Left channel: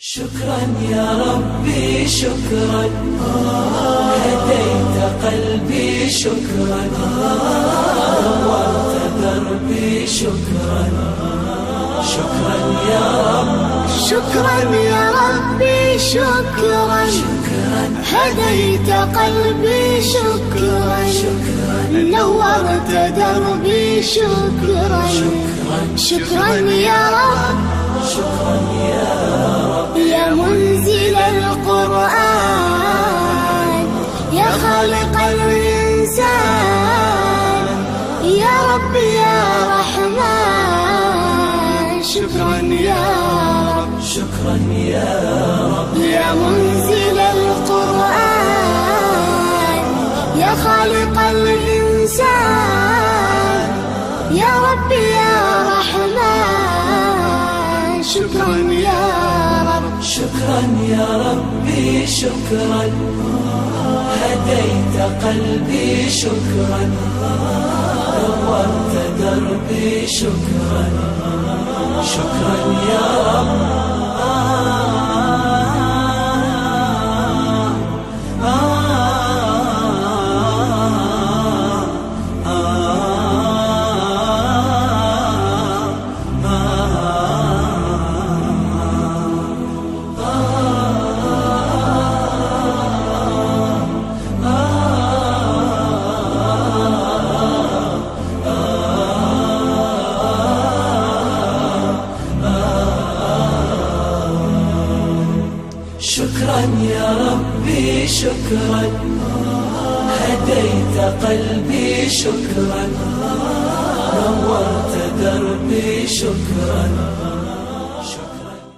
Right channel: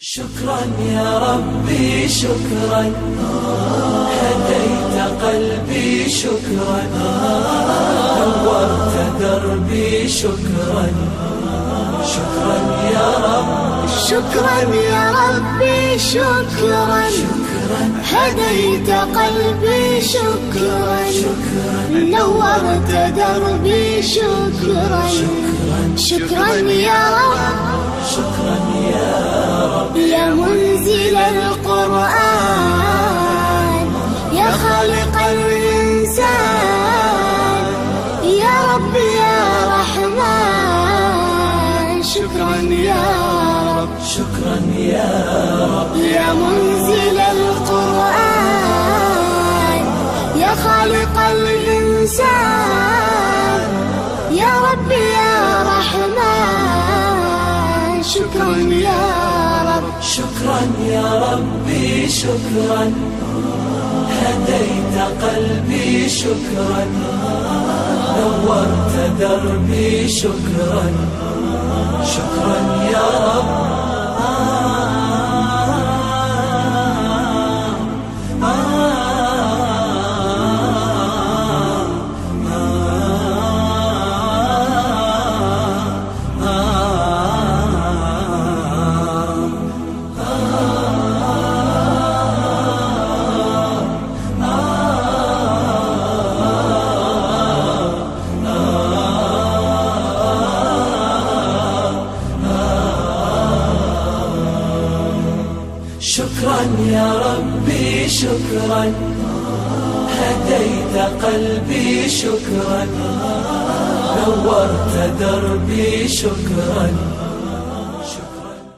شكرا يا ربي شكرا، هديت قلبي شكرا، نورت دربي شكرا. شكرا يا رب، شكرا يا ربي شكرا، هديت قلبي شكرا، نورت دربي شكرا. شكرا يا رب، شكرا يا رب، يا منزل القرآن، يا خالق الإنسان، يا رب يا رحمن. شكرا يا رب، شكرا يا رب، يا منزل القرآن، يا خالق الإنسان، يا رب يا رحمن. شكرا يا رب، شكرا يا ربي شكرا، هديت قلبي شكرا، نورت دربي شكرا. شكرا يا رب، شكرا يا ربي شكرا، هديت قلبي شكرا، نورت دربي شكرا.